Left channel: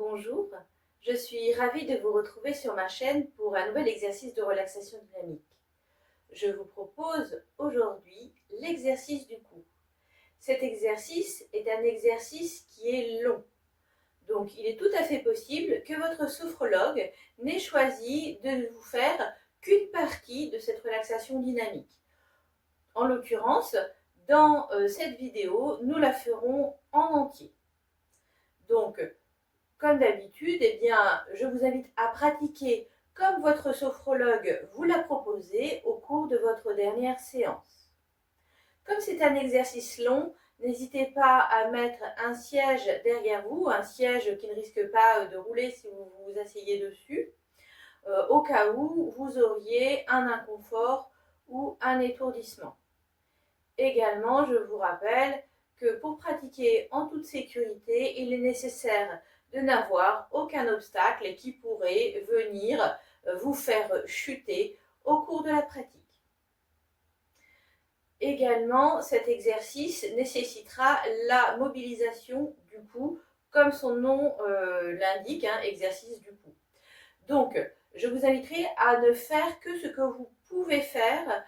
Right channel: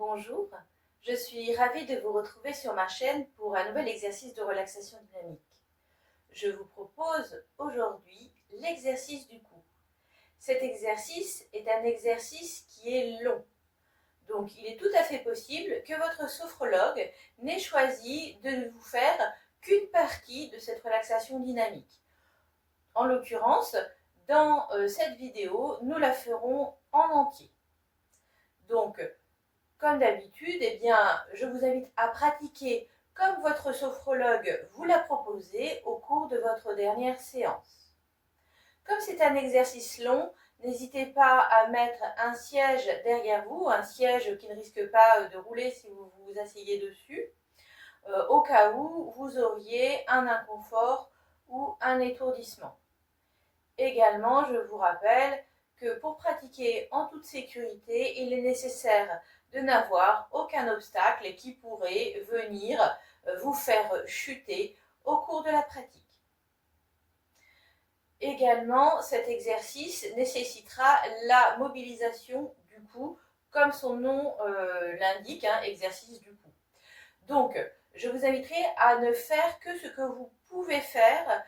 Bonjour, je suis ravie de vous retrouver sur ma chaîne pour un nouvel exercice de relaxation dynamique. Je vous propose aujourd'hui l'exercice du cou. Cet exercice est un exercice qui est long. Donc il est tout à fait possible que votre sophrologue n'ait choisi de ne vous faire qu'une partie de cette relaxation dynamique. En l'occurrence, dans cette vidéo, nous la ferons en entier. Donc, comme d'habitude, eh bien, je vous invite à pratiquer comme votre sophrologue vous l'a proposé au cours de votre dernière séance. Comme c'est un exercice long, n'hésitez pas à mettre un siège derrière vous, un siège qui ne risque pas de rouler si vous vous asseyez dessus, au cas où vous auriez un inconfort ou un étourdissement. Également, je vous rappelle que pour pratiquer en toute sécurité, il est nécessaire de n'avoir aucun obstacle qui pourrait venir vous faire chuter au cours de la pratique. Également, cet exercice nécessitera la mobilisation du cou, comme son nom l'indique, exercice du cou. Donc, je vous inviterai à ne faire que ce que vous pouvez faire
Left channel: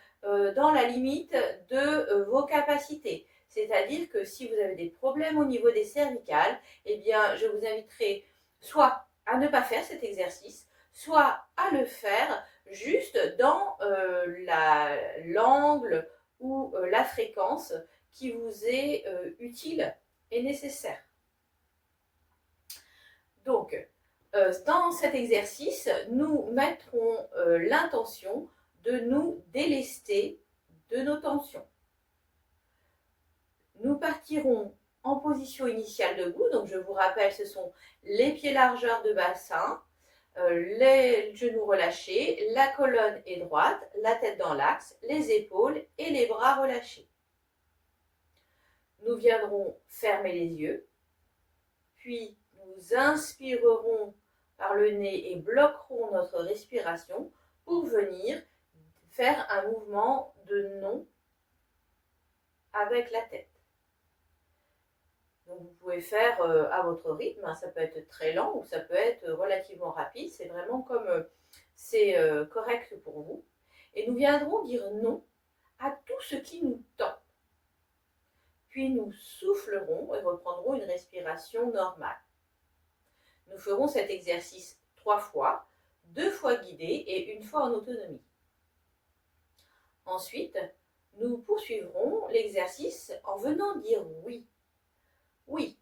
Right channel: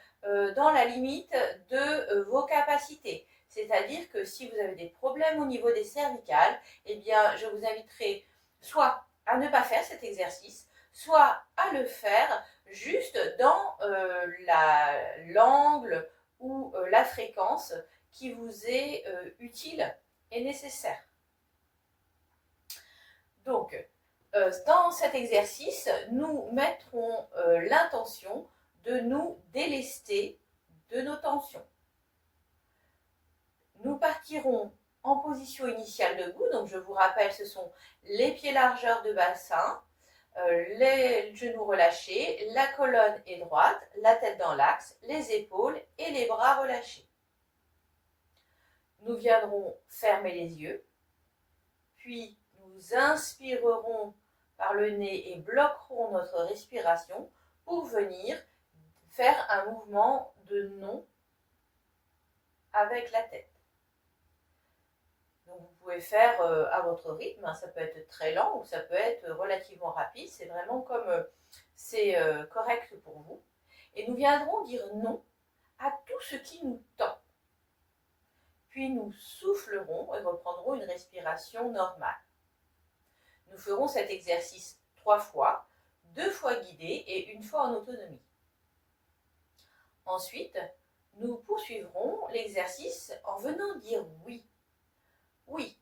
dans la limite de vos capacités. C'est-à-dire que si vous avez des problèmes au niveau des cervicales, eh bien, je vous inviterai soit à ne pas faire cet exercice, soit à le faire juste dans l'angle ou la fréquence qui vous est utile et nécessaire. Donc, dans cet exercice, nous mettrons l'intention de nous délester de nos tensions. Nous partirons en position initiale debout, donc je vous rappelle, ce sont les pieds largeur de bassin, les genoux relâchés, la colonne est droite, la tête dans l'axe, les épaules et les bras relâchés. Nous viendrons fermer les yeux, puis nous inspirerons par le nez et bloquerons notre respiration pour venir faire un mouvement de non avec la tête. Donc vous pouvez faire à votre rythme, ça peut être très lent ou ça peut être relativement rapide, c'est vraiment comme c'est correct pour vous. Et nous viendrons dire non à tout ce qui nous tend. Puis nous soufflerons et reprendrons une respiration normale. Nous ferons cet exercice 3 fois, 2 fois guidé et 1 fois en autonomie. Ensuite, nous poursuivrons l'exercice en venant dire oui. Oui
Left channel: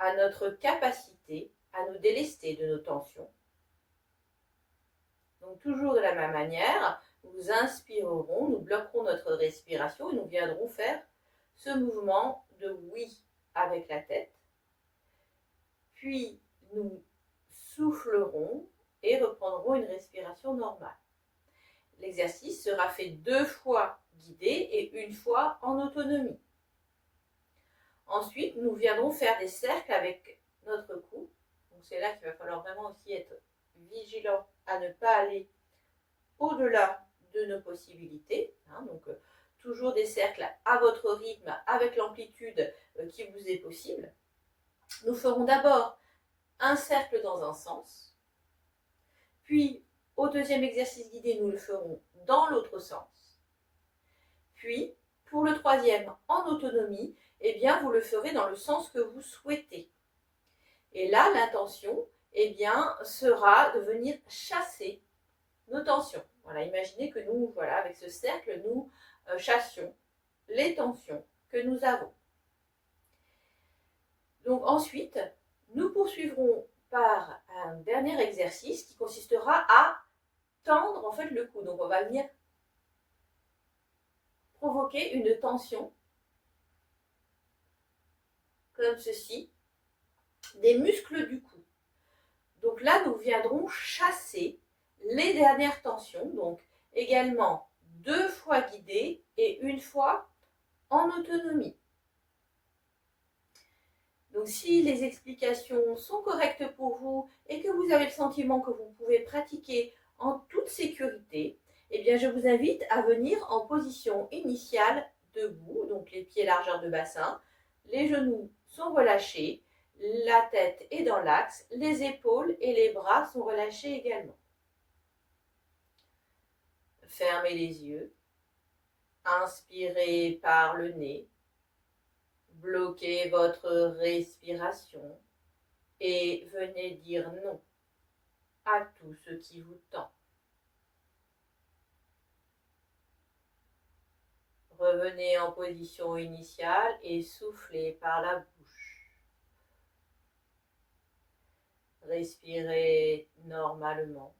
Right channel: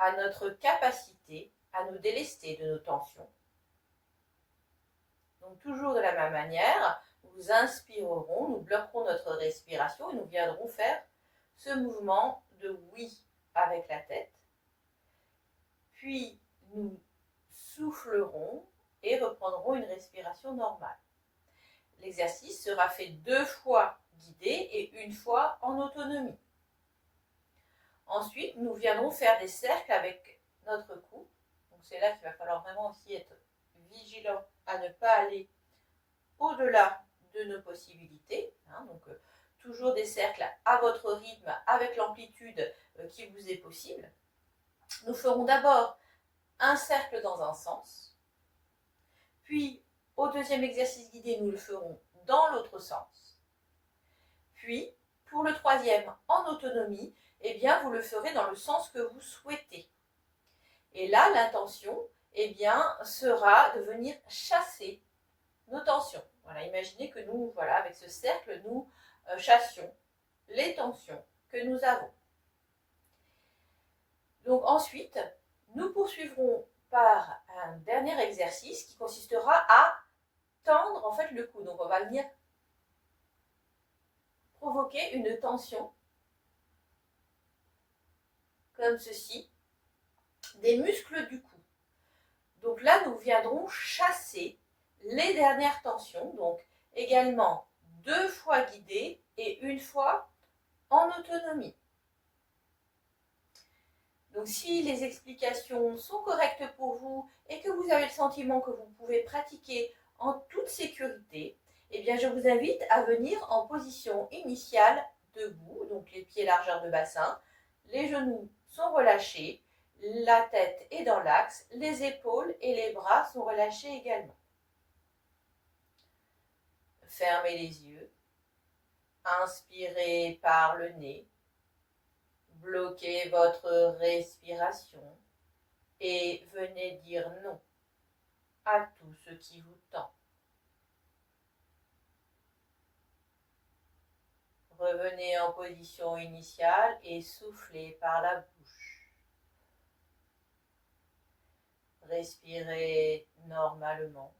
à notre capacité à nous délester de nos tensions. Donc toujours de la même manière, nous inspirerons, nous bloquerons notre respiration et nous viendrons faire ce mouvement de oui avec la tête. Puis nous soufflerons et reprendrons une respiration normale. L'exercice sera fait 2 fois guidé et 1 fois en autonomie. Ensuite, nous viendrons faire des cercles avec notre cou. Donc c'est là qu'il va falloir vraiment aussi être vigilant à ne pas aller au-delà de nos possibilités. Donc toujours des cercles à votre rythme, avec l'amplitude qui vous est possible. Nous ferons d'abord un cercle dans un sens, puis au deuxième exercice guidé, nous le ferons dans l'autre sens. Puis, pour le troisième, en autonomie, eh bien, vous le ferez dans le sens que vous souhaitez. Et là, l'intention, eh bien, sera de venir chasser nos tensions. Voilà, imaginez que nous, voilà, avec ce cercle, nous chassions les tensions que nous avons. Donc ensuite, nous poursuivrons par un dernier exercice qui consistera à tendre en fait le cou. Donc on va venir provoquer une tension comme ceci des muscles du cou. Donc là, nous viendrons chasser les dernières tensions, donc également 2 fois guidé et 1 fois en autonomie. Donc si les explications sont correctes pour vous et que vous avez le sentiment que vous pouvez pratiquer en toute sécurité, eh bien je vous invite à venir en position initiale debout, donc les pieds largeur de bassin, les genoux sont relâchés, La tête est dans l'axe, les épaules et les bras sont relâchés également. Fermez les yeux. Inspirez par le nez. Bloquez votre respiration et venez dire non à tout ce qui vous tend. Revenez en position initiale et soufflez par la bouche. Respirez normalement.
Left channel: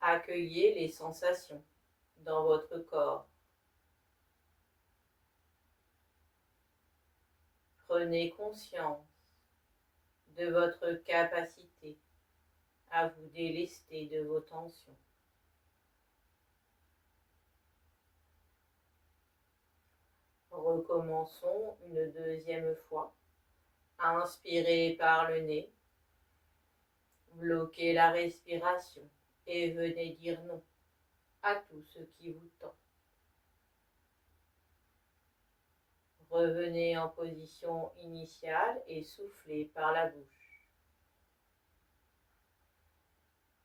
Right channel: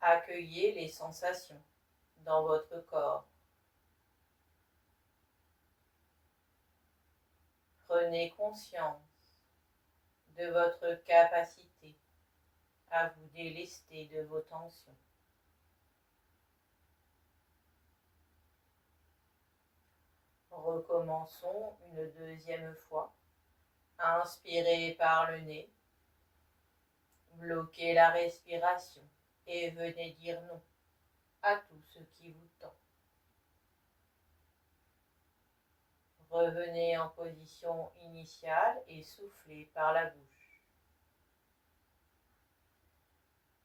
Accueillez les sensations dans votre corps. Prenez conscience de votre capacité à vous délester de vos tensions. Recommençons une deuxième fois. Inspirez par le nez. Bloquez la respiration et venez dire non à tout ce qui vous tend. Revenez en position initiale et soufflez par la bouche.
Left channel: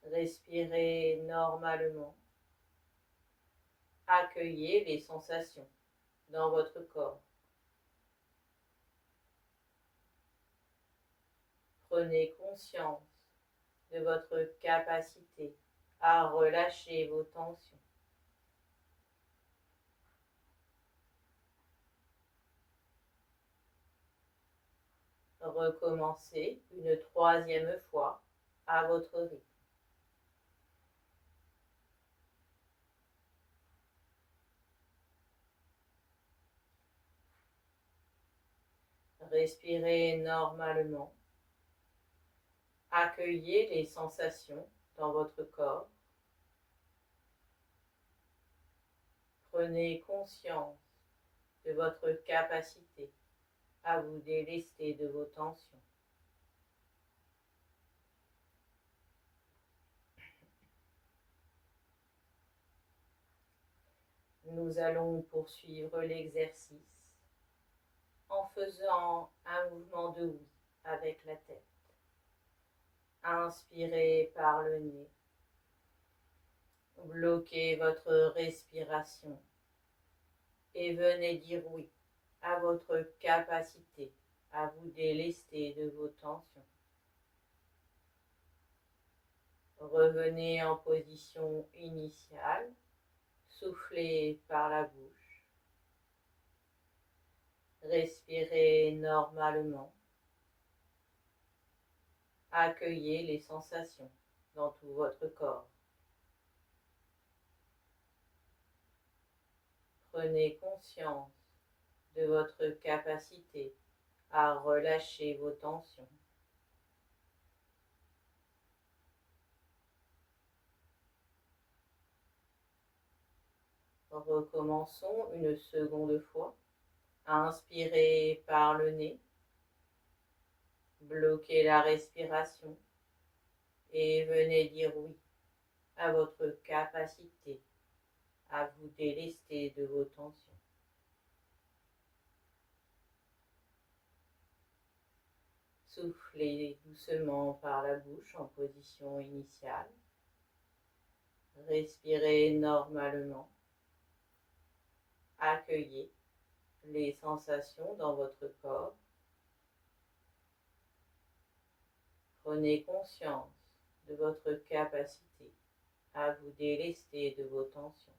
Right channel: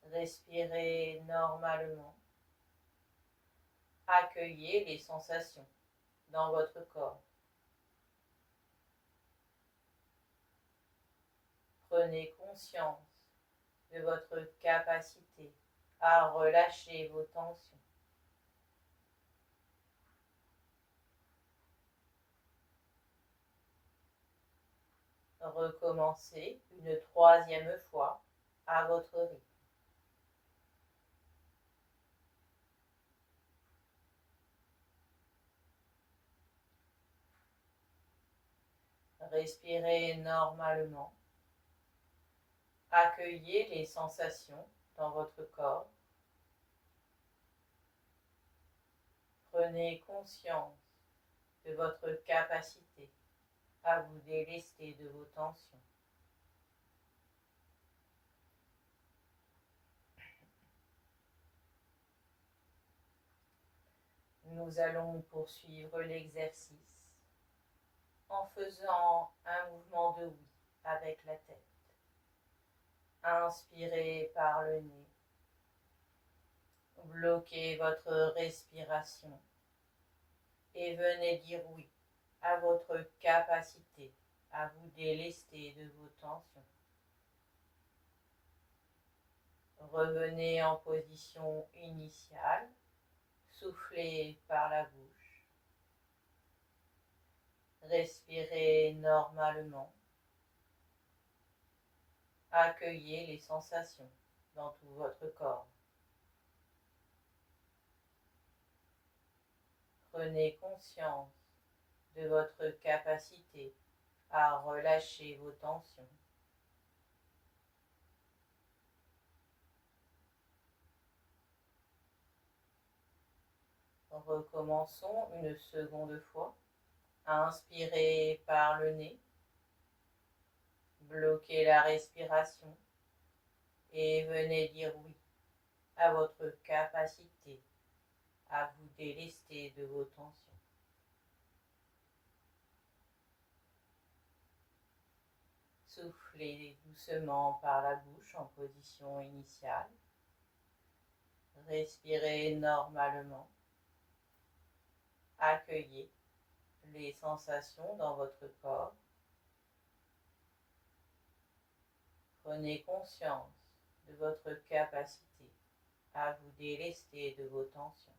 Respirez normalement. Accueillez les sensations dans votre corps. Prenez conscience de votre capacité à relâcher vos tensions. Recommencez une troisième fois à votre rythme. Respirez normalement. Accueillez les sensations dans votre corps. Prenez conscience de votre capacité à vous délester de vos tensions. Nous allons poursuivre l'exercice en faisant un mouvement de oui avec la tête. Inspirez par le nez. Bloquez votre respiration et venez dire oui à votre capacité à vous délester de vos tensions. Revenez en position initiale, soufflez par la bouche, respirez normalement, accueillez les sensations dans tout votre corps. Prenez conscience de votre capacité à relâcher vos tensions. Recommençons une seconde fois. Inspirez par le nez. Bloquez la respiration et venez dire oui à votre capacité à vous délester de vos tensions. Soufflez doucement par la bouche en position initiale. Respirez normalement. Accueillez les sensations dans votre corps. Prenez conscience de votre capacité à vous délester de vos tensions.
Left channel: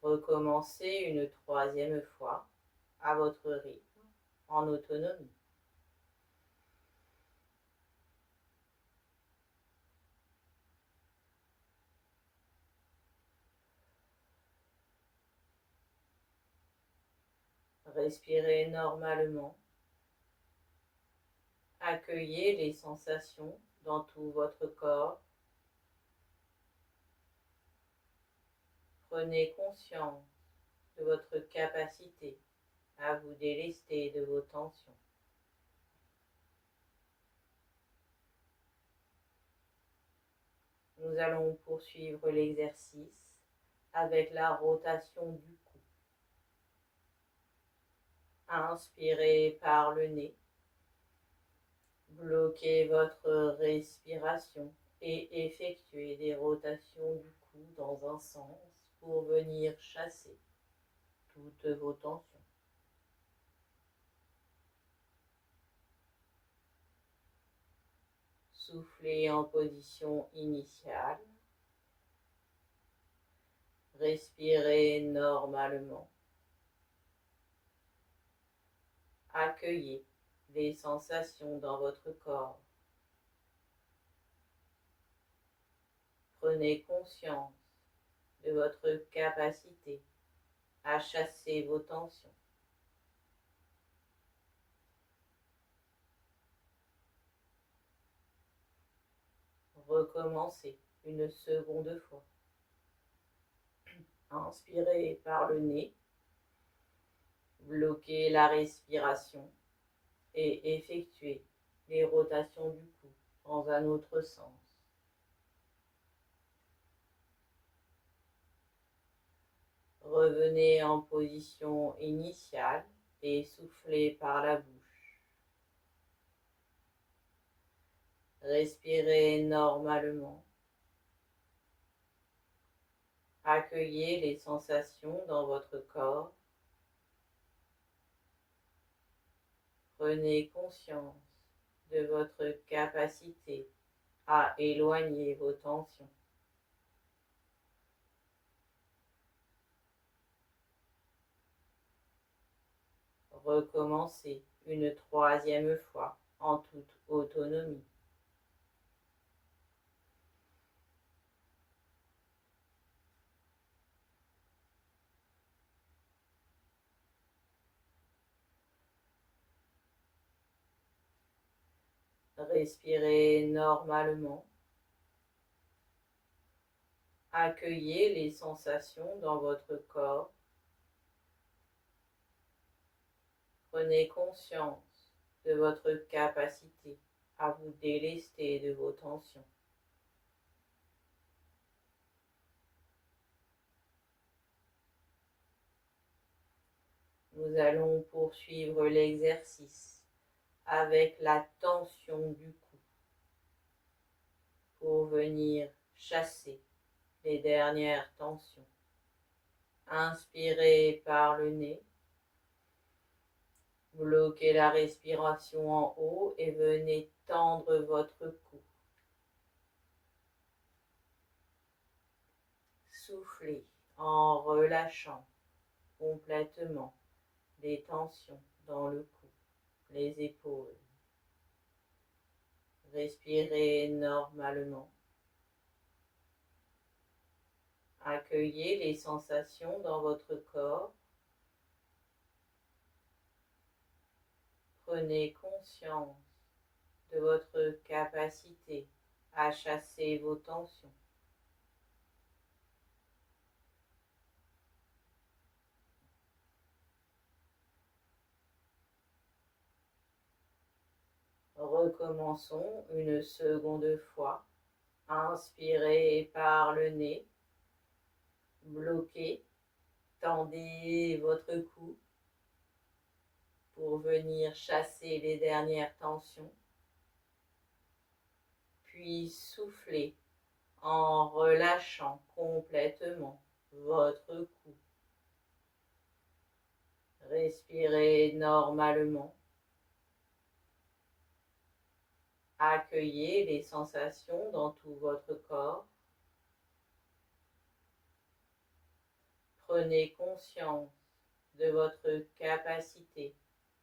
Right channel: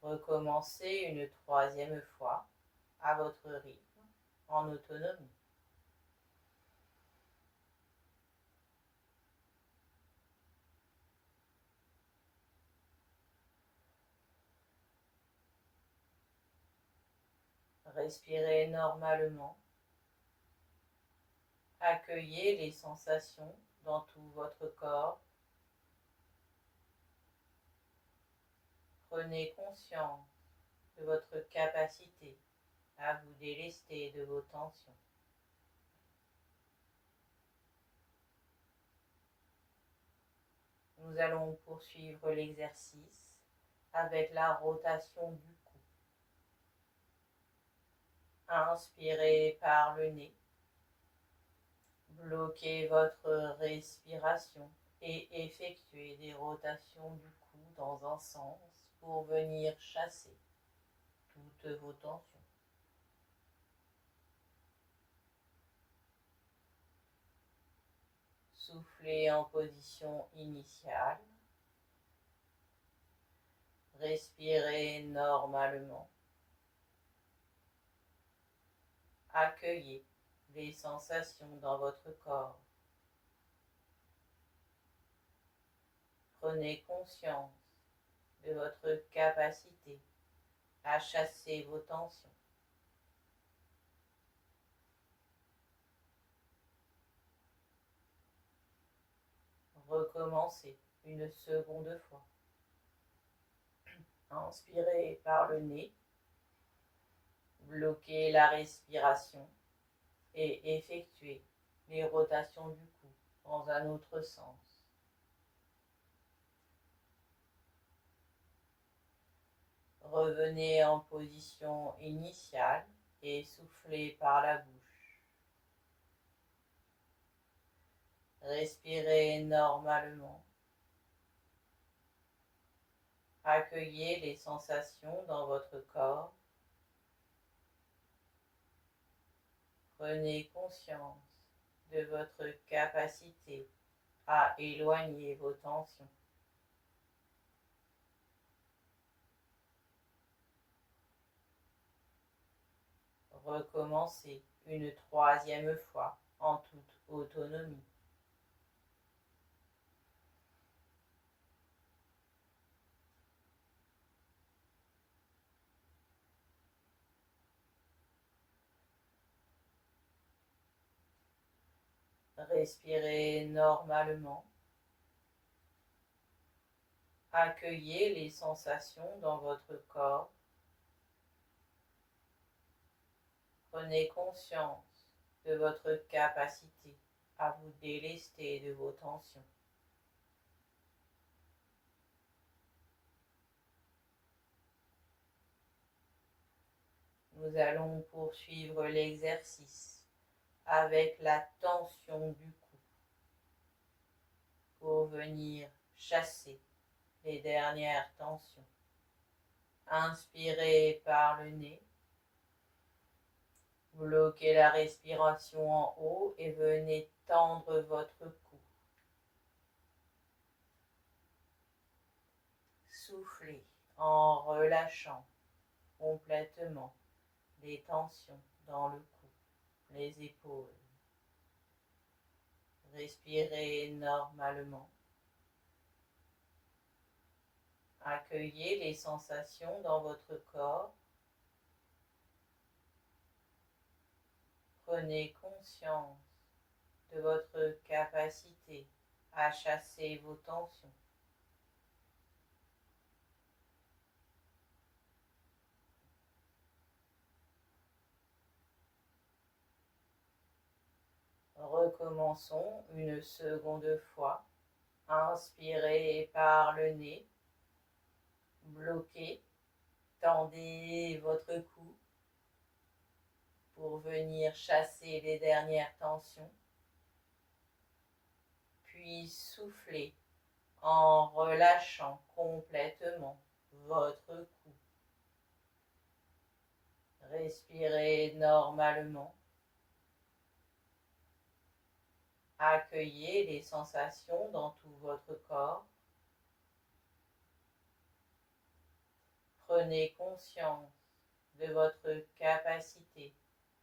Recommencez une troisième fois à votre rythme, en autonomie. Respirez normalement. Accueillez les sensations dans tout votre corps. Prenez conscience de votre capacité à vous délester de vos tensions. Nous allons poursuivre l'exercice avec la rotation du cou. Inspirez par le nez. Bloquez votre respiration et effectuez des rotations du cou dans un sens pour venir chasser toutes vos tensions. Soufflez en position initiale. Respirez normalement. Accueillez les sensations dans votre corps. Prenez conscience de votre capacité à chasser vos tensions. Recommencez une seconde fois. Inspirez par le nez. Bloquez la respiration et effectuez les rotations du cou dans un autre sens. Revenez en position initiale et soufflez par la bouche. Respirez normalement. Accueillez les sensations dans votre corps. Prenez conscience de votre capacité à éloigner vos tensions. Recommencez une troisième fois en toute autonomie. Respirez normalement. Accueillez les sensations dans votre corps. Prenez conscience de votre capacité à vous délester de vos tensions. Nous allons poursuivre l'exercice avec la tension du cou pour venir chasser les dernières tensions. Inspirez par le nez. Bloquez la respiration en haut et venez tendre votre cou. Soufflez en relâchant complètement les tensions dans le cou, les épaules. Respirez normalement. Accueillez les sensations dans votre corps. Prenez conscience de votre capacité à chasser vos tensions. Recommençons une seconde fois. Inspirez par le nez. Bloquez. Tendez votre cou pour venir chasser les dernières tensions. Puis soufflez en relâchant complètement votre cou. Respirez normalement. Accueillez les sensations dans tout votre corps. Prenez conscience de votre capacité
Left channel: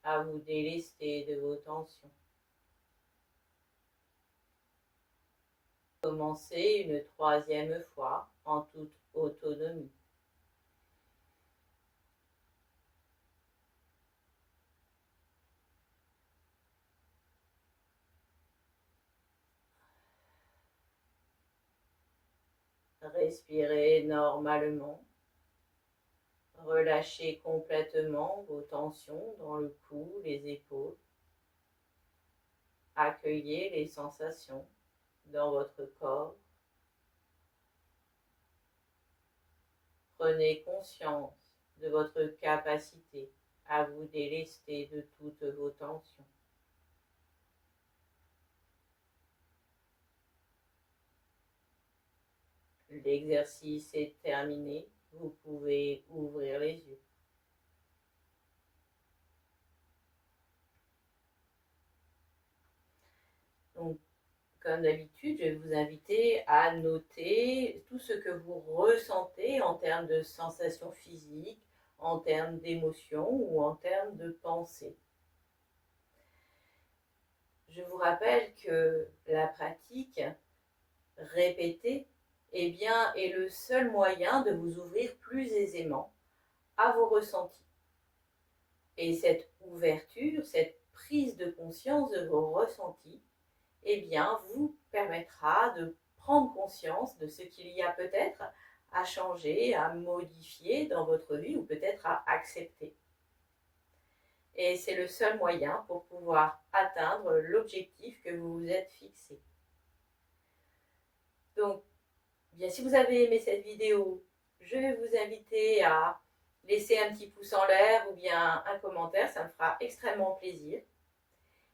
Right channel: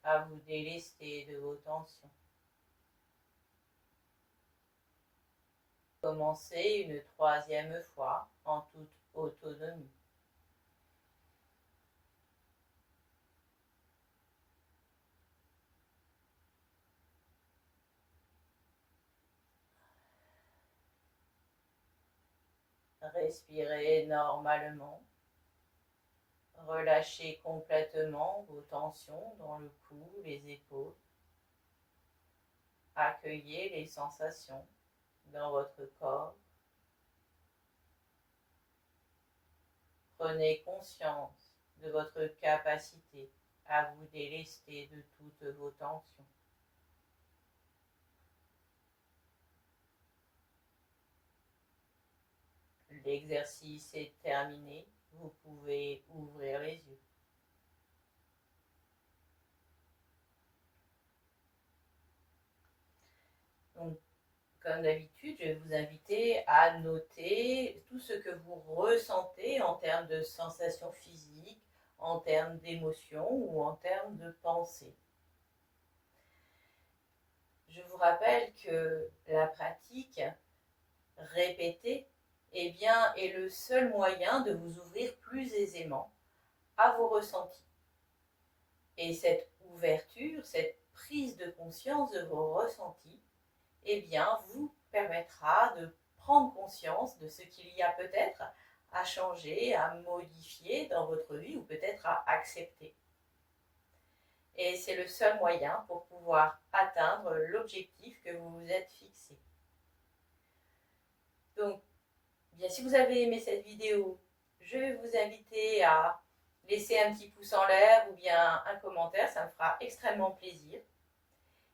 à vous délester de vos tensions. Commencez une troisième fois en toute autonomie. Respirez normalement. Relâchez complètement vos tensions dans le cou, les épaules. Accueillez les sensations dans votre corps. prenez conscience de votre capacité à vous délester de toutes vos tensions. L'exercice est terminé, vous pouvez ouvrir les yeux. Donc, comme d'habitude, je vais vous inviter à noter tout ce que vous ressentez en termes de sensations physiques, en termes d'émotions ou en termes de pensées. Je vous rappelle que la pratique répétée est le seul moyen de vous ouvrir plus aisément à vos ressentis. Et cette ouverture, cette prise de conscience de vos ressentis, vous permettra de prendre conscience de ce qu'il y a peut-être à changer, à modifier dans votre vie ou peut-être à accepter. Et c'est le seul moyen pour pouvoir atteindre l'objectif que vous vous êtes fixé. Donc, si vous avez aimé cette vidéo, je vais vous inviter à laisser un petit pouce en l'air ou bien un commentaire, ça me fera extrêmement plaisir.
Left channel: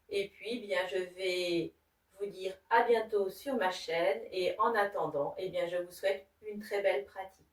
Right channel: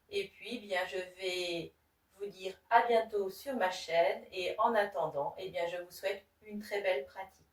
Et puis, je vais vous dire à bientôt sur ma chaîne et en attendant, je vous souhaite une très belle pratique.